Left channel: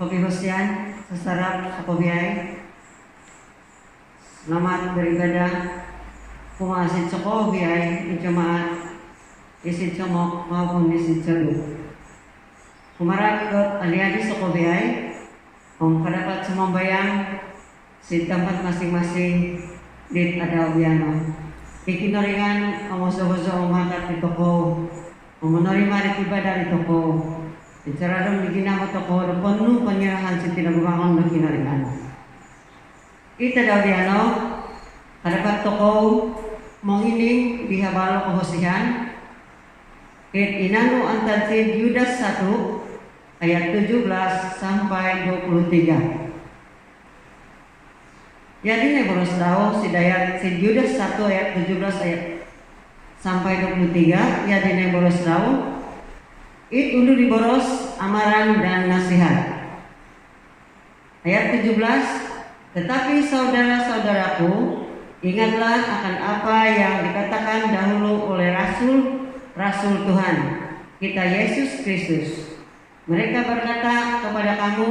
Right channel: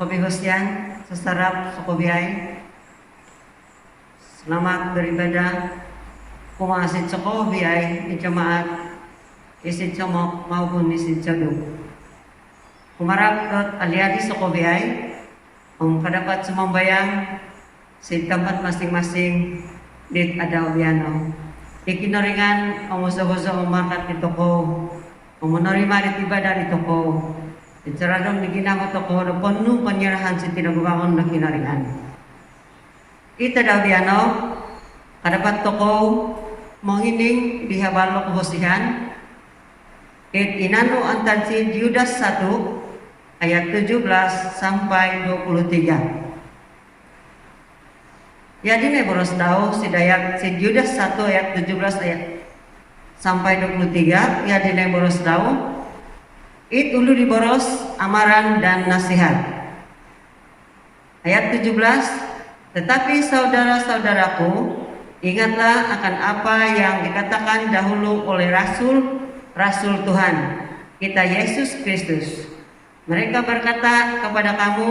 Kopi Husyan, sesarap Sokobiay, selamat beribadah, kumasit Sokobiay di jemaat, isi comok maupun isi jodoh. Kumarap ke aliadi Sokobiay, kadapat sumambayang si tempat masing-masing di Adawiano. Ikinoringan omoso-oso umakat di toko, menerima di ibadah di toko. Bicara dong begina mo toko, penuh penyerahan si tinagbangon ng kinaringan. Ita Dawiano, kadapat toko, menghining di habalo kehosihan, inanu antan si Yudas 1 ayat 17 sampai 23. Jadi boros tahu si dayat si Yudas 1 ayat 17 ayat sampai 23. Jadi boros tahu it ulu diboros amaran dan nasihat. Ayat 17, tetapi saudara-saudaraku, ingatlah akan apa yang dikatakan dahulu oleh Rasul Tuhan kita Yesus Kristus. Mereka berkata kepada kamu,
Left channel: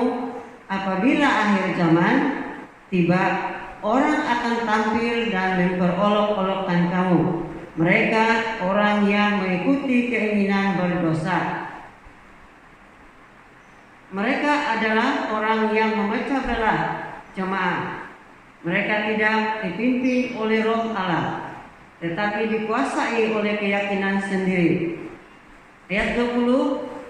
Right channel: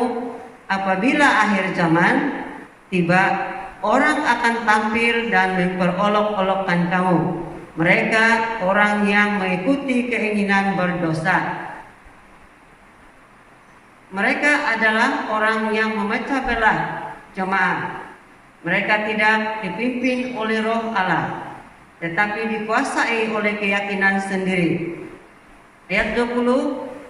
apabila akhir zaman tiba, orang akan tampil dan memperolok-olokkan kamu. Mereka orang yang mengikuti keinginan berdosa. Mereka adalah orang yang memecah belah jemaat. Mereka tidak dipimpin oleh Roh Allah, tetapi dikuasai oleh keyakinan sendiri. Ayat 20,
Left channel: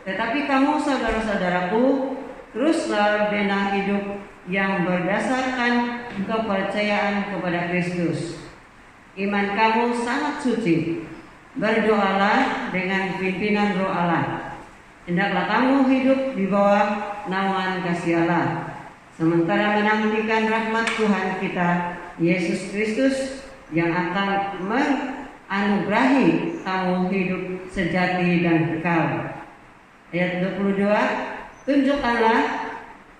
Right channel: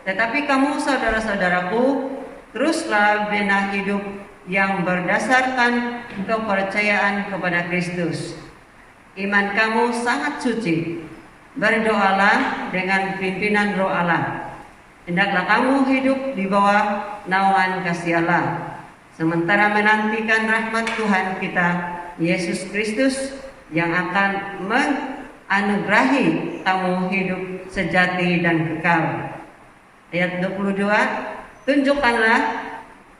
tetapi kamu saudara-saudaraku, teruslah bina hidup yang berdasarkan kepercayaan kepada Kristus. Iman kamu sangat suci. Berdoalah dengan pimpinan Roh Allah. Hendaklah kamu hidup di bawah naungan kasih Allah, sementara menantikan rahmat Tuhan kita Yesus Kristus yang akan menganugerahi kamu hidup sejati dan kekal. Ayat 22, tunjukkanlah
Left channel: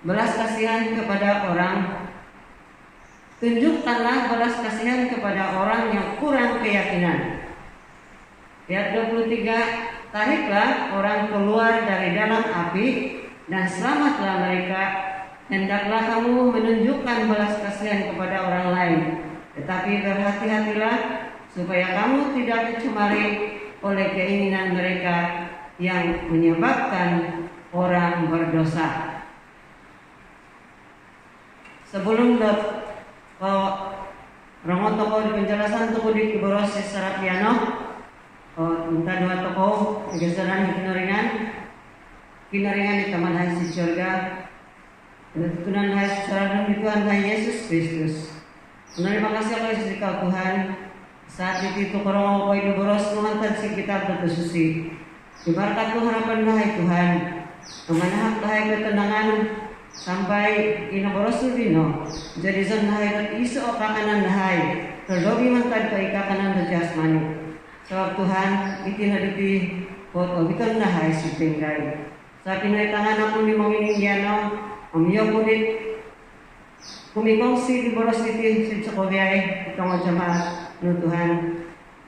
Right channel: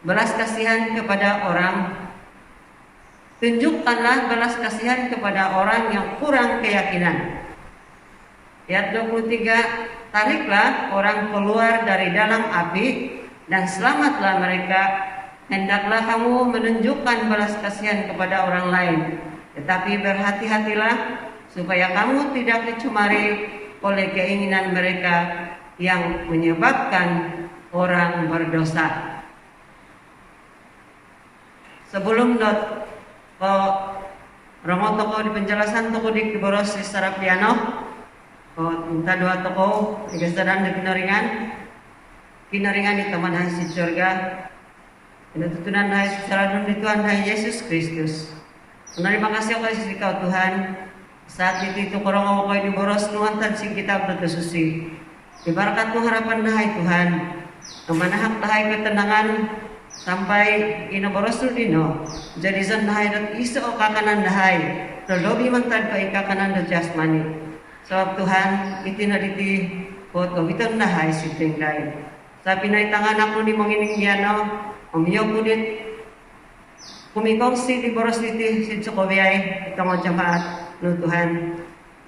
belas kasihan kepada orang. Tunjukkanlah belas kasihan kepada orang yang kurang keyakinan. Ayat 23, tariklah orang keluar dari dalam api dan selamatlah mereka. Hendaklah kamu menunjukkan belas kasihan kepada orang lain, tetapi berhati-hatilah supaya kamu tidak dicemari oleh keinginan mereka yang menyebabkan orang berdosa. Sebelum Romo toko di penjelasan toko di kiboros secara piano, minta doa toko di kesedaran di kinaringan di taman hasil surga, tutunan hasil secara di Tuhan Hai Yesus Kristus. Terima kasih Allah Yesus Kau Tuhan. Saat itu korong mau di boros nuantan si kita berkesusi. Diberkatmu harapan Hai Tuhan. Kemanahak Hai ketenangan sampai inoboros dino. Jadi san Hai dan isu okakanan Hai. Terlobi mantad ke ikakanan dan jasmani. Sebab Tuhan itinaditi foto bitar Hai si tingkai. Sabi na tangan aku ni mengining giano. Umiyok unit. Kumikongsi di boros iti si Sokobiay itong jemaat no Tuhan.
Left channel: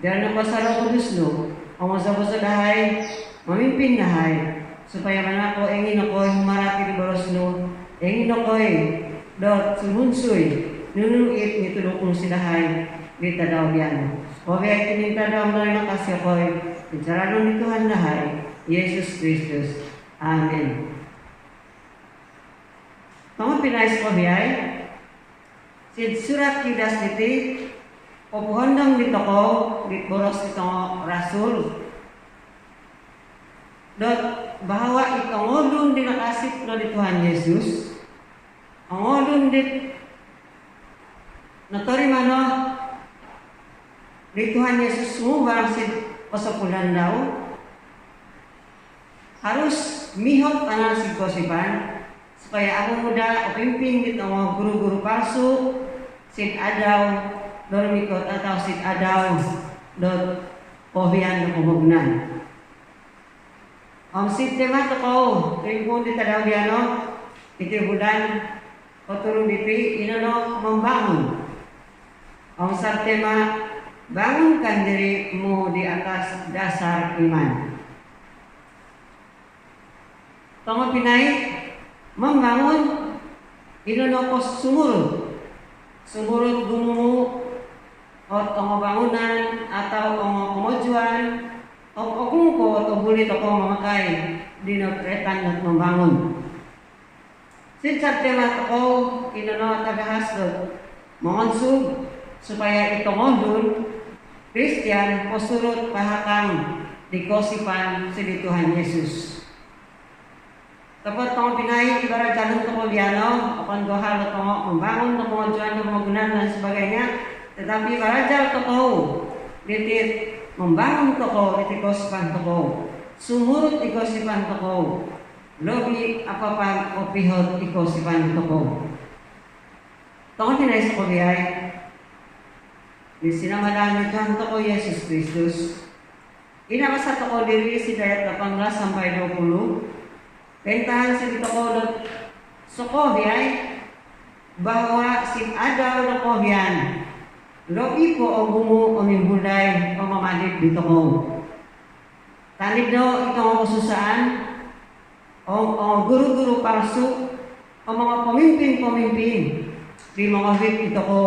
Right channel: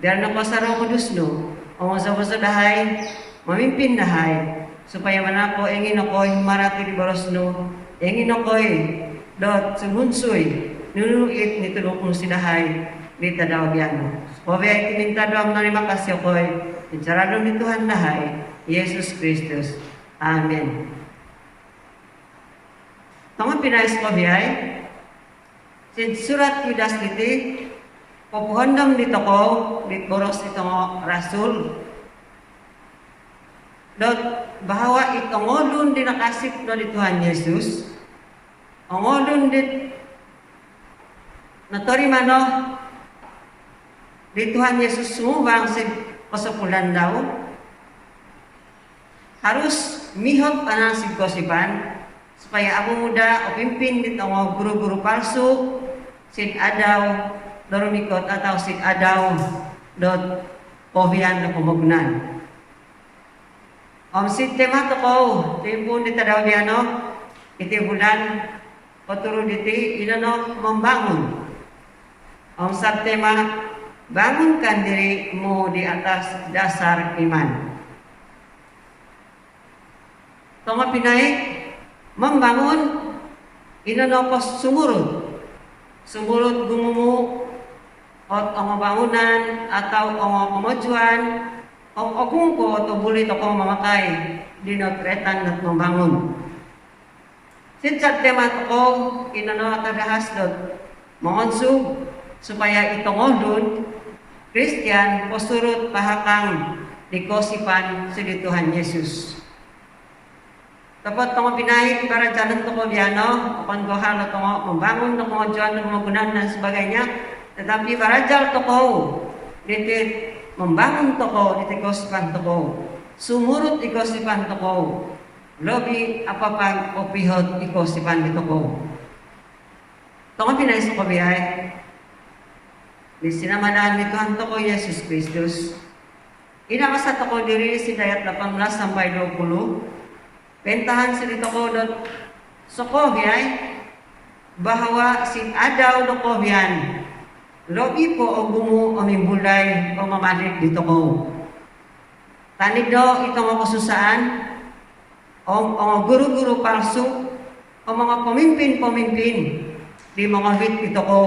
Dahil nagpasaraw kudus no. Ang usa-usa dahay mamimpin dahay supaya manako engin ako'y humarati di boros no. Engin ako'y dot sumunsoy nunuit nitulok mo si dahay kita daw biyan. Sokobiay timinta daw terima kasih ako'y bicara daw ni Tuhan dahay Yesus Kristus. Amen. Tama pinais Sokobiay si surat Yudas iti popuhondom dito ko di boros itong rasul dot bahwa itong ngodun di nakasip do di Tuhan Yesus ang ngodun di natori mano di Tuhan Yesus sumubang si pasapulan daw harus mihot ka si gosipan supaya abu muda pimpin dito mga guru-guru palsu sid adaw dormikot atau sid adaw dot pohian do kumugnan. Sid tema to ko timpun di tadaw biano iti bulan oturo diti inano membangun. Sab tema bangunkan diri mo di atas dasar iman. Tong pinay membangun inonopos sumurut gumumu omo bangunan atau omo omojuan kungko atau boleh toko memakai dino tretan dan membangun. Sincat tema toko inono tagahas dot monsu supaya itu modun Kristen posurut pahakang dikosipan si Tuhan Yesus. Tepat tong pinai ibarat jalan tong biano, upon gohal tong membangun tong mojuan tong penggunaan dan sebagainya. Tetapi barajal toko ditit membangun toko ditikosipan toko, sumurut ikosipan toko, lobi apa kopihot ikosipan di toko. Tong pinai sa pabiyay. Di sinamadan ni Tuhan toko Yesus Kristus. Inakasa toko diri si dayat 18 sampai 20. Bentahan si toko dot sokobiyay bahwa si adaw dokobiyan lobi po o gumu o mimbulay o mamalik di toko. Tanib daw itong kasusaan o guru-guru palsu o mga pemimpin-pemimpin di mga hit ito ko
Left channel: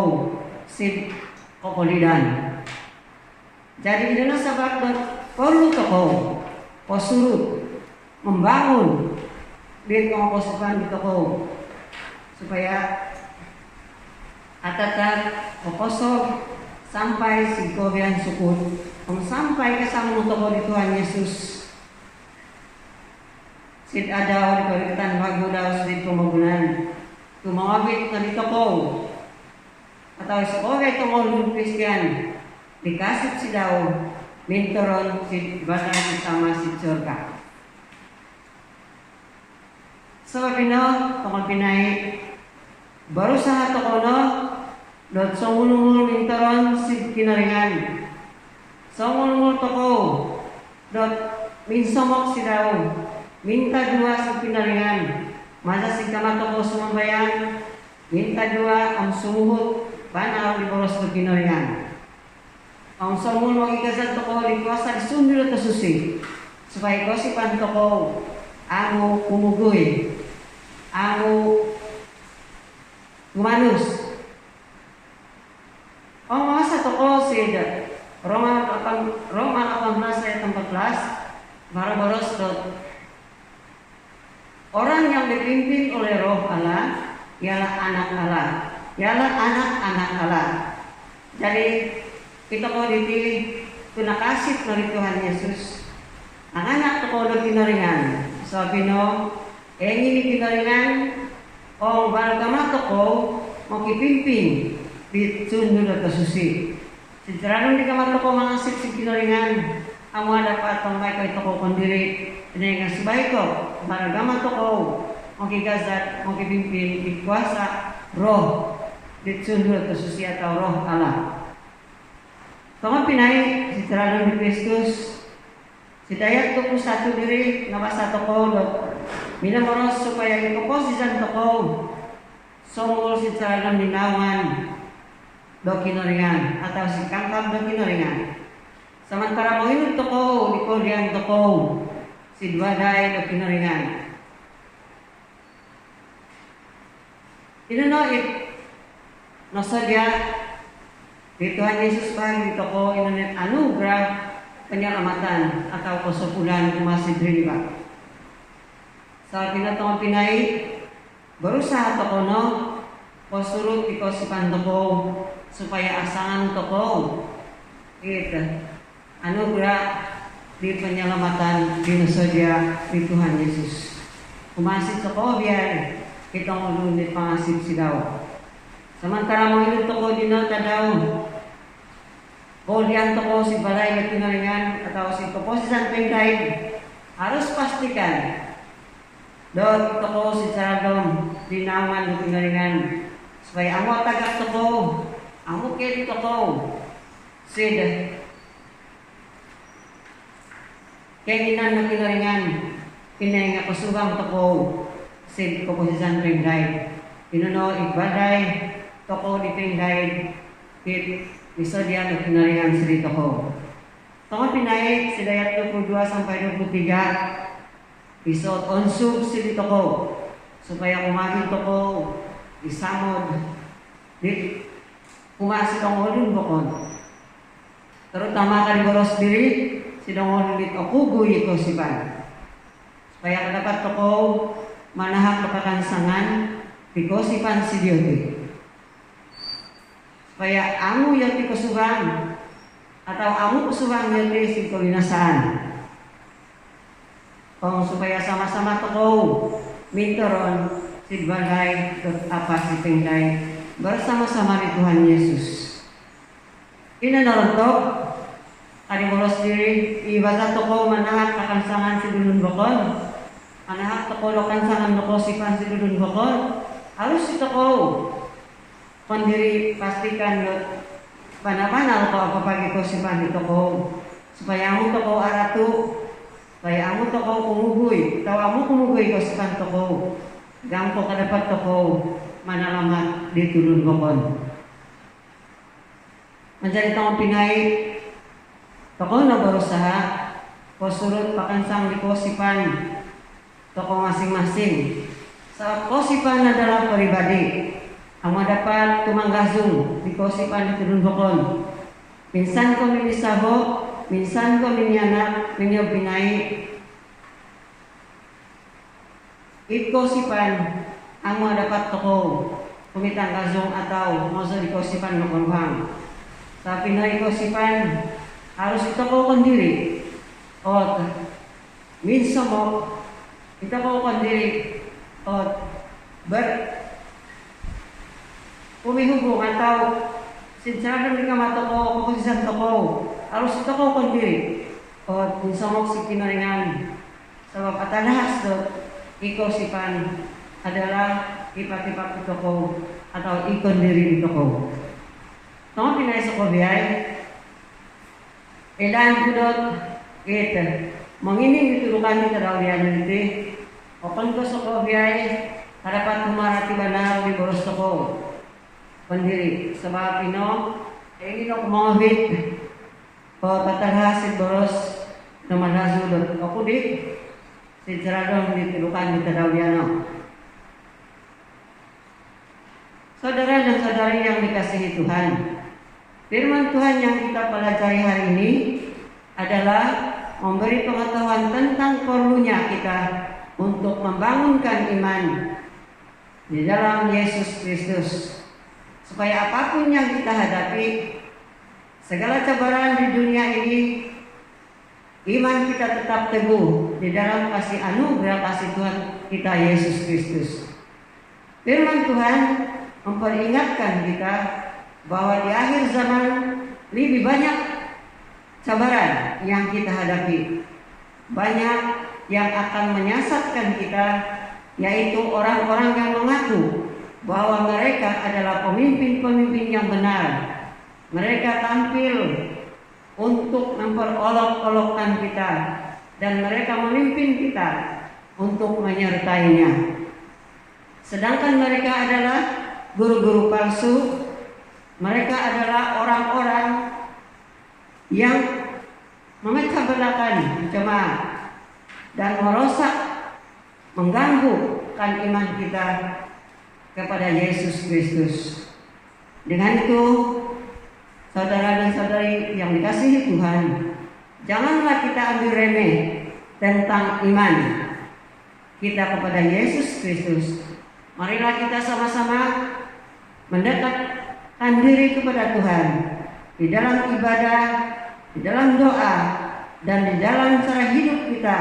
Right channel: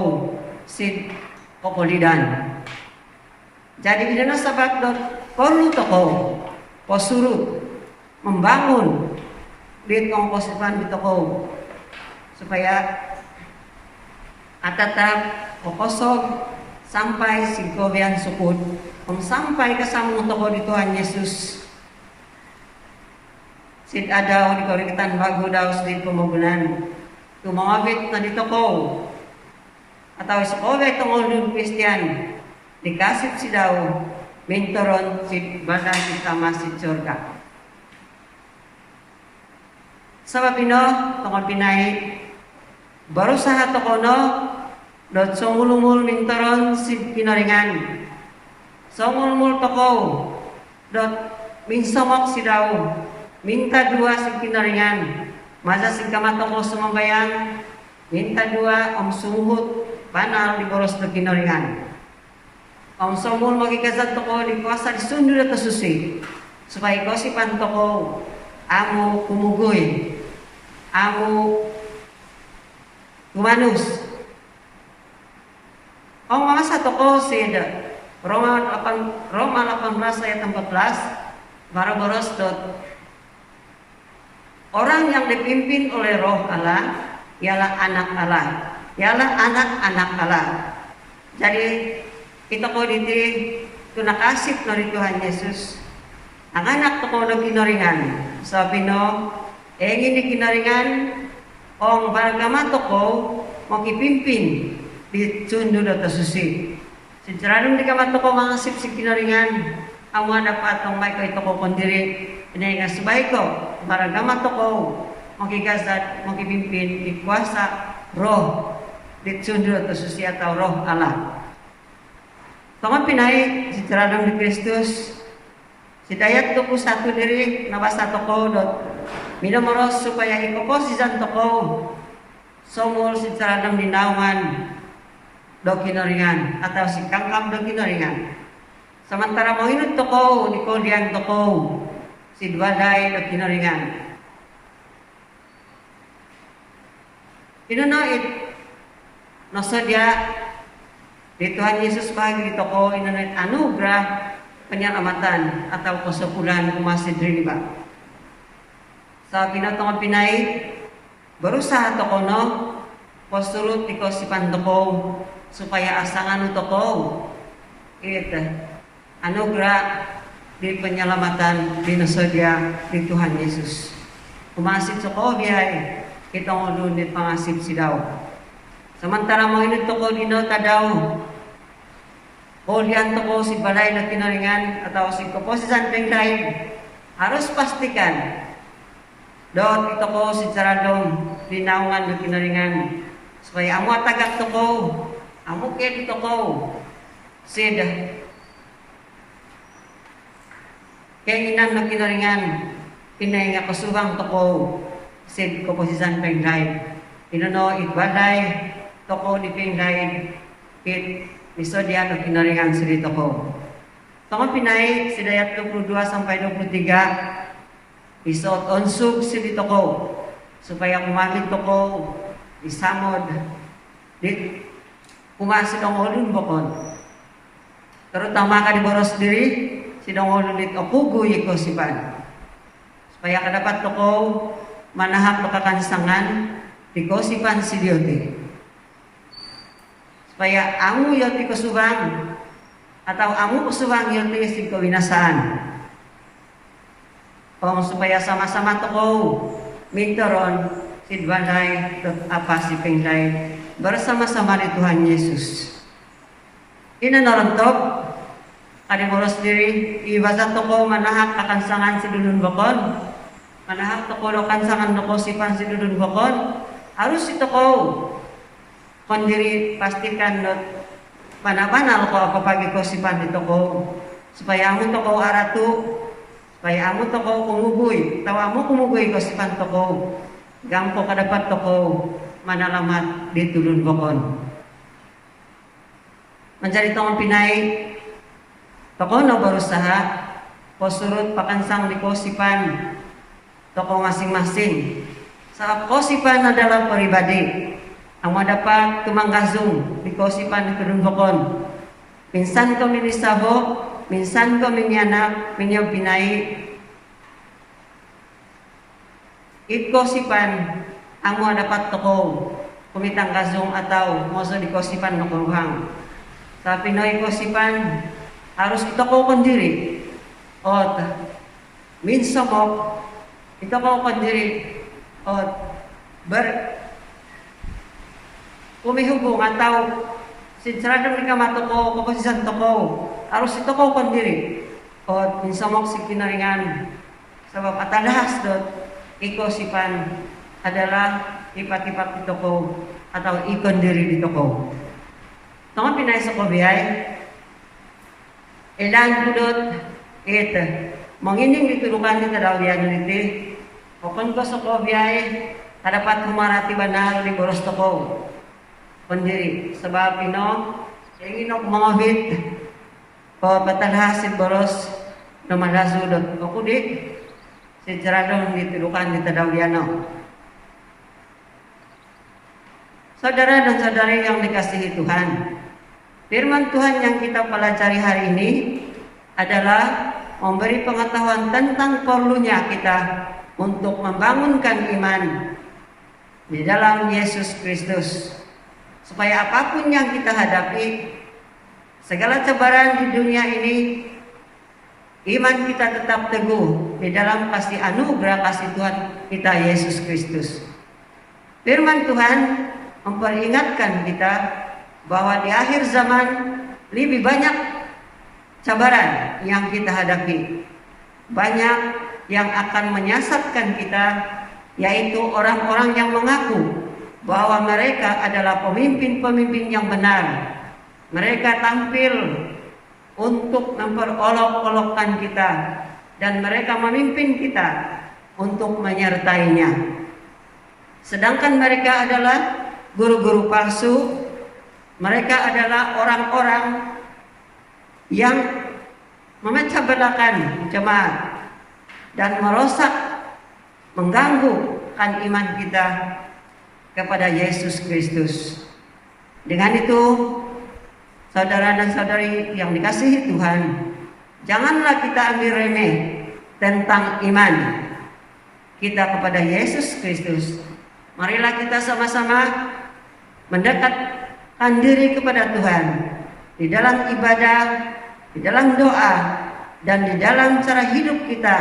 si Kopolidan. Jadi bila nasabab doon, perlu toko posurut membangun di komposipan dito ko supaya atatap kokosog sampai si Kobian sukut sampai kasama toko di Tuhan Yesus. Sid adaw di korikitan bago daw sa dito mogulan tumawabit na dito ko atau sekolah tungolun Kristian dikasih si daw mintoron si badan utama si surga. Sabab ino tungol pinay baru sahat tokono dot sungulungul mintoron si kinaringan sungulungul toko dot minsamok si daw minta dua si kinaringan masa si kamatoko sumambayang minta dua ang sumuhut banal di boros do kinaringan. Ang sumul magikazat toko di kuasa di sundu na susi supaya kosipan toko amo kumugoy amo humanus. Ang mga sa toko sida Roma 18 ayat 14 baros dot orang yang dipimpin oleh roh Allah ialah anak Allah, ialah anak-anak Allah. Jadi kita ko diti tunakasip dari Tuhan Yesus. Ang anak ko na kinaringan. Sabi no, ini kinaringan ong baragamato ko makipimpin di sundo na susi. Sinceralong di kamato ko mga sip si kinaringan ang wala pa atong may kayo ko kundiri inay nga subay ko baragamato ko makikazat, makipimpin, ikuasa, roh, ditsundo at susi atau roh Allah. Tama pinay, si Tiradong ni Kristus, si dayat ko po sa ato diri, nabasa to ko, minamoros supaya ikoposisan to ko, somol si Tiradong ninawan, do kinaringan, atau si kangkang do kinaringan. Samantara mo hinod to ko, di ko liyan to ko, si Dwaday do kinaringan. Inunait nasadya di Tuhan Yesus bagi dito ko inunait anugerah penyelamatan atau kesepulan masih diriba. Sa pinatong pinay berusaha to kono posurut di kosipan to ko supaya asangan to ko anugerah di penyelamatan di nasadya di Tuhan Yesus. Kumasit sa ko biyay kitong ulunit pangasip si daw. Samantara mo inut ko dino tadaw. Bolian to ko si balay na kinaringan atau si kaposisan pengday. Harus pastikan. Dot ito ko si Saradong dinaungan na kinaringan. Supaya amo tagak to ko. Amo kaya dito ko. Sid. Kainan na kinaringan. Inay nga kasubang to ko. Sid komposisan pengday. Inono igbaday toko di pengday kit misodian o kinaringan sa dito ko. Tama pinay si dayat 22 sampai 23 isot onsug si dito ko supaya kumakin toko disamod di kunga sidong ulun bokon. Terutama kan boros diri sidong ulun dit okuguy kosipan. Supaya kadapat toko manahak pekakansangan di kosipan si Diyoti. Supaya amu yoti kesubang atau amu kesubang yoti si kewinasaan. Supaya sama-sama toko mintoron si Dwanay apa si Pinglay bersama-sama di Tuhan Yesus. Ina narontok kadi boros diri ibadat toko manahak akan sangan si Dudun Bokon, manahak toko lokan sangan toko sipan si Dudun Bokon, harus si toko kon diri pastikan panah-panah ko kapag ko sipan di toko supaya amo toko aratu, supaya amo toko kumugoy, tawa mo kumugoy ko sipan toko, gampo kadapat toko manalamat di Dudun Bokon. Mencari tong pinay toko no berusaha posurut pakansang di kosipan toko masing-masing. Sa kosipan adalah pribadi ang dapat tumanggazong di kosipan di Dudun Bokon. Minsan ko minisaho, minsan ko minyanak, minyo pinay. It kosipan ang dapat toko kumitang gazong atau moso di kosipan makuruhang. Sa Pinoy kosipan harus ito ko kondiri o minsan mo ito ko kondiri o umihubong atau sinsaradang ni kamato ko kukusisan to ko harus ito ko kondiri o minsan mo si kinaringan sabab atalahas dot ikosipan adalah ipat-ipat ito ko atau ikondiri dito ko. Tama pinay sa kubiyay ilan kudot ito mangining itulukan ni Tadawriyan iti o kung gusto ko biyay harapat humarati ba na ni boros to ko pandiri sabab pino ingin ako mawahit o patalhasin boros na malazulot o kudik sinsaradong itulukan ni Tadawriyan. Saudara dan saudari yang dikasihi Tuhan, firman Tuhan yang kita pelajari hari ini adalah memberi pengetahuan tentang perlunya kita untuk membangunkan iman di dalam Yesus Kristus. Supaya apapun yang kita hadapi, segala cobaan di dunia ini, iman kita tetap teguh di dalam kasih anugerah kasih Tuhan kita Yesus Kristus. Firman Tuhan memperingatkan kita bahwa di akhir zaman lebih banyak cabaran yang kita hadapi. Banyak yang akan menyesatkan kita, yaitu orang-orang yang mengaku bahwa mereka adalah pemimpin-pemimpin yang benar. Mereka tampil untuk memperolok-olokkan kita dan mereka memimpin kita untuk menyertainya. Sedangkan mereka adalah guru-guru palsu. Mereka adalah orang-orang yang memecah belakan jemaat dan merosak, mengganggukan iman kita kepada Yesus Kristus. Dengan itu, saudara dan saudari yang dikasihi Tuhan, janganlah kita ambil remeh tentang iman kita kepada Yesus Kristus. Marilah kita sama-sama mendekatkan diri kepada Tuhan di dalam ibadah, di dalam doa, dan di dalam cara hidup kita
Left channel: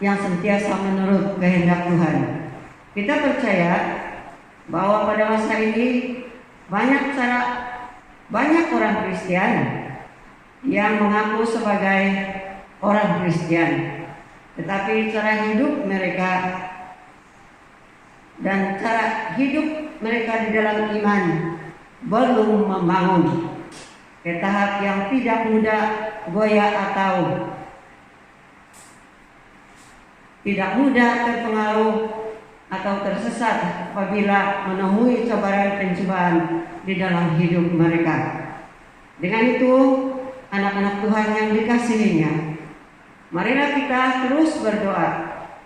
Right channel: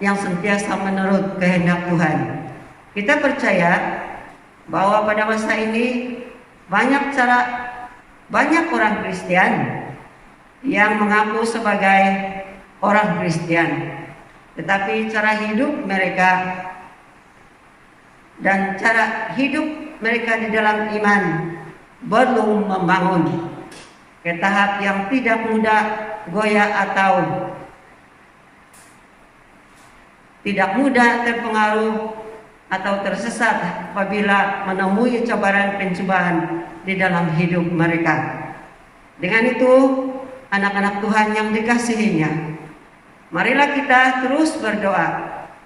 yang sentiasa menurut kehendak Tuhan. Kita percaya bahwa pada masa ini banyak orang Kristen yang mengaku sebagai orang Kristen, tetapi cara hidup mereka dan cara hidup mereka di dalam iman belum membangun ke tahap yang tidak mudah goyah atau tidak mudah terpengaruh atau tersesat apabila menemui cobaan-pencobaan di dalam hidup mereka. Dengan itu, anak-anak Tuhan yang dikasihinya, marilah kita terus berdoa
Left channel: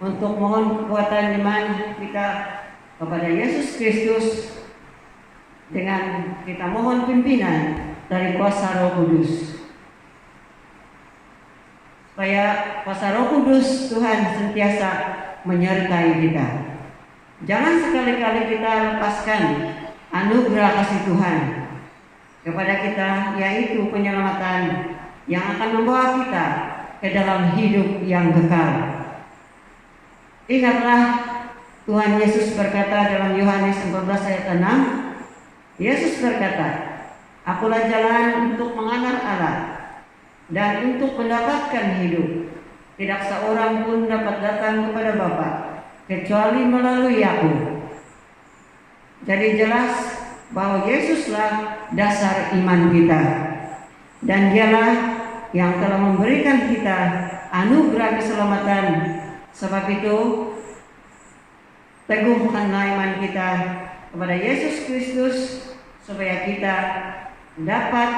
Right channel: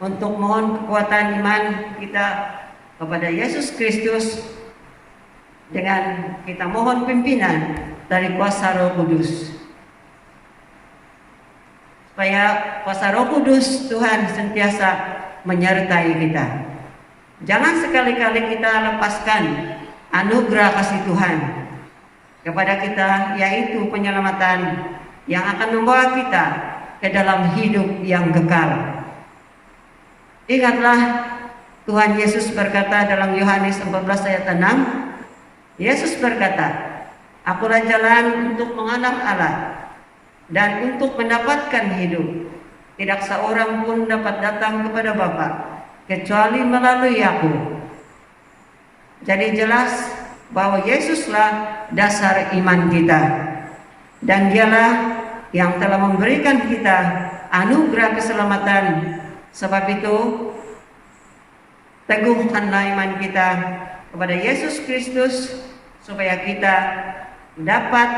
untuk mohon kekuatan iman kita kepada Yesus Kristus dengan kita mohon pimpinan dari kuasa Roh Kudus. Supaya kuasa Roh Kudus Tuhan sentiasa menyertai kita. Jangan sekali-kali kita lepaskan anugerah kasih Tuhan kepada kita, yaitu penyelamatan yang akan membawa kita ke dalam hidup yang kekal. Ingatlah Tuhan Yesus berkata dalam Yohanes 14 ayat 6, Yesus berkata, "Akulah jalan untuk mengenal Allah dan untuk mendapatkan hidup. Tidak seorang pun dapat datang kepada Bapa kecuali melalui Aku." Jadi jelas bahwa Yesuslah dasar iman kita, dan Dialah yang telah memberikan kita anugerah keselamatan. Sebab itu teguhkanlah iman kita kepada Yesus Kristus supaya kita dapat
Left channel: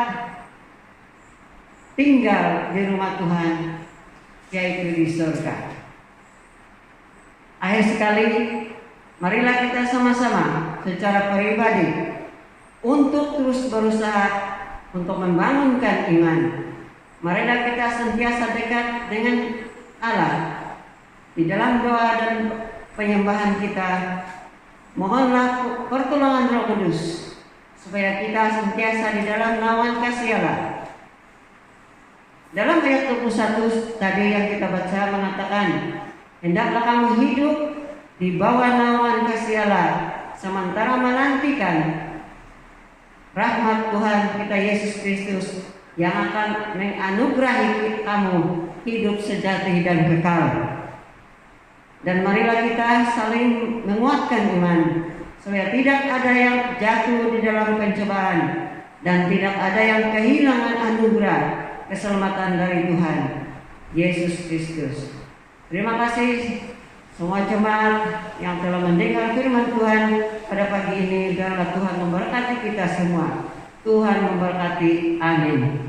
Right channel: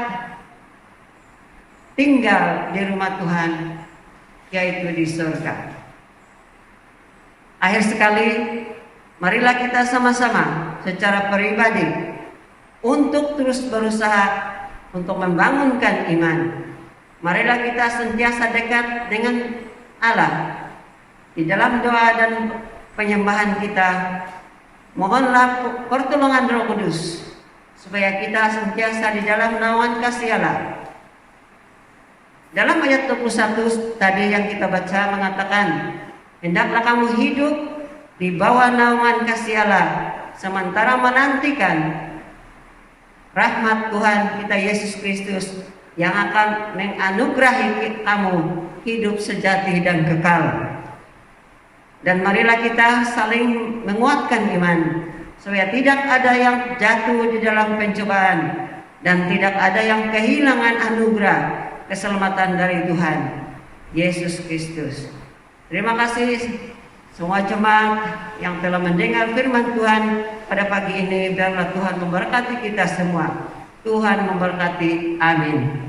tinggal di rumah Tuhan, yaitu di surga. Akhir sekali, marilah kita sama-sama secara pribadi untuk terus berusaha untuk membangunkan iman. Marilah kita sentiasa dekat dengan Allah di dalam doa dan penyembahan kita. Mohonlah pertolongan Roh Kudus supaya kita sentiasa di dalam naungan kasih Allah. Dalam ayat 21 tadi yang kita baca mengatakan, hendaklah kamu hidup di bawah naungan kasih Allah sementara menantikan rahmat Tuhan kita Yesus Kristus yang akan menganugerahi kamu hidup sejati dan kekal. Dan marilah kita saling menguatkan iman supaya tidak ada yang jatuh di dalam pencobaan dan tidak ada yang kehilangan anugerah keselamatan dari Tuhan Yesus Kristus. Terima kasih semua jemaat yang telah mendengar firman Tuhan pada pagi ini. Biarlah Tuhan memberkati kita semua. Tuhan memberkati. Amin.